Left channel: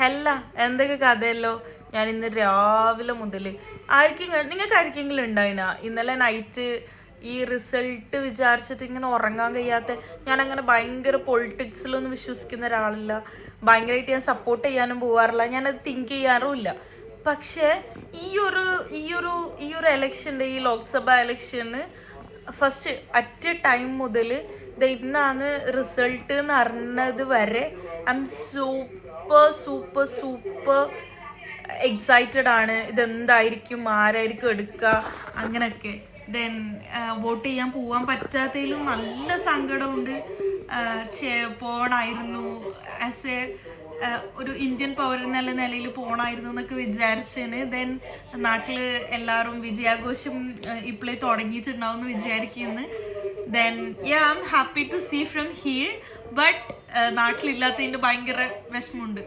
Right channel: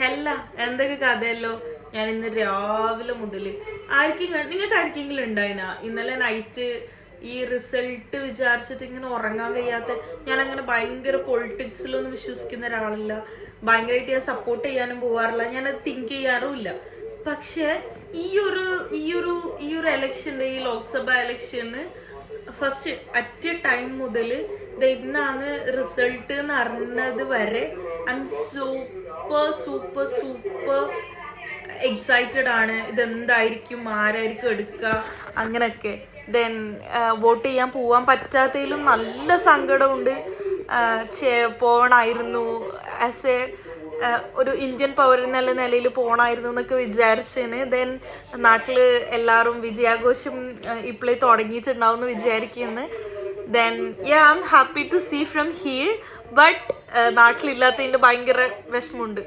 ഹെല്ല എന്തൊക്കെ കഥയല്ലോ. ഞാൻ ഇന്ന് രാവിലെ മുതൽ നിങ്ങൾക്ക് ആർക്കെങ്കിലും ഉണ്ടായിനാ ഇന്നലെ നൈറ്റ് ഈ റിസൾട്ട് വിചാരിച്ചിട്ട് ഇങ്ങനെ ഉറങ്ങാൻ കഴിയാത്ത? ഞാൻ അങ്ങനെ ഭയങ്കര പൊളിറ്റിക്സിലൊന്നും വിശ്വസിക്കുന്ന ഒരാളല്ല, ഭയങ്കരമായിട്ട് ഞാൻ സപ്പോർട്ട് ചെയ്യാനും പോവാറില്ല, ഞാനത് തിങ്ക് ചെയ്യാറുമില്ല. പക്ഷെ ഈ ഒരു എലക്ഷൻ്റെ, ഈ ലോക്സഭ എലക്ഷന് ഫസ്റ്റ് അറ്റ് എ ടൈം മുതൽ ഇന്നാണ് റിസൾട്ട് എന്ന് അറിഞ്ഞത് വരെ I M super super super excited ആണ്. ഇതെന്തായിരിക്കും, ആരായിരിക്കും എടുക്കുക, അങ്ങനെയൊക്കെ. ദെൻ വോട്ട് ചെയ്യാൻ പോവാൻ പറ്റാത്തതിലും നല്ല സങ്കടമുണ്ട്. പോകണമായിരുന്നു, ആസ് എ ഒരു ഇന്ത്യൻ പൗരൻ എന്നുള്ള നിലയിൽ പോകണമായിരുന്നു എന്നൊക്കെ വിചാരിച്ചേന്. ദെൻ നാട്ടിൽ എല്ലാവരും വിജയാഘോഷം ഇപ്പോഴേ തുടങ്ങിയിട്ടുണ്ടാവും എന്ന് വിചാരിക്കുന്നു. Then I am happy to see from here. But നാട്ടിലില്ലാത്തതിൻ്റെ ഭയങ്കര വിഷമമുണ്ട്.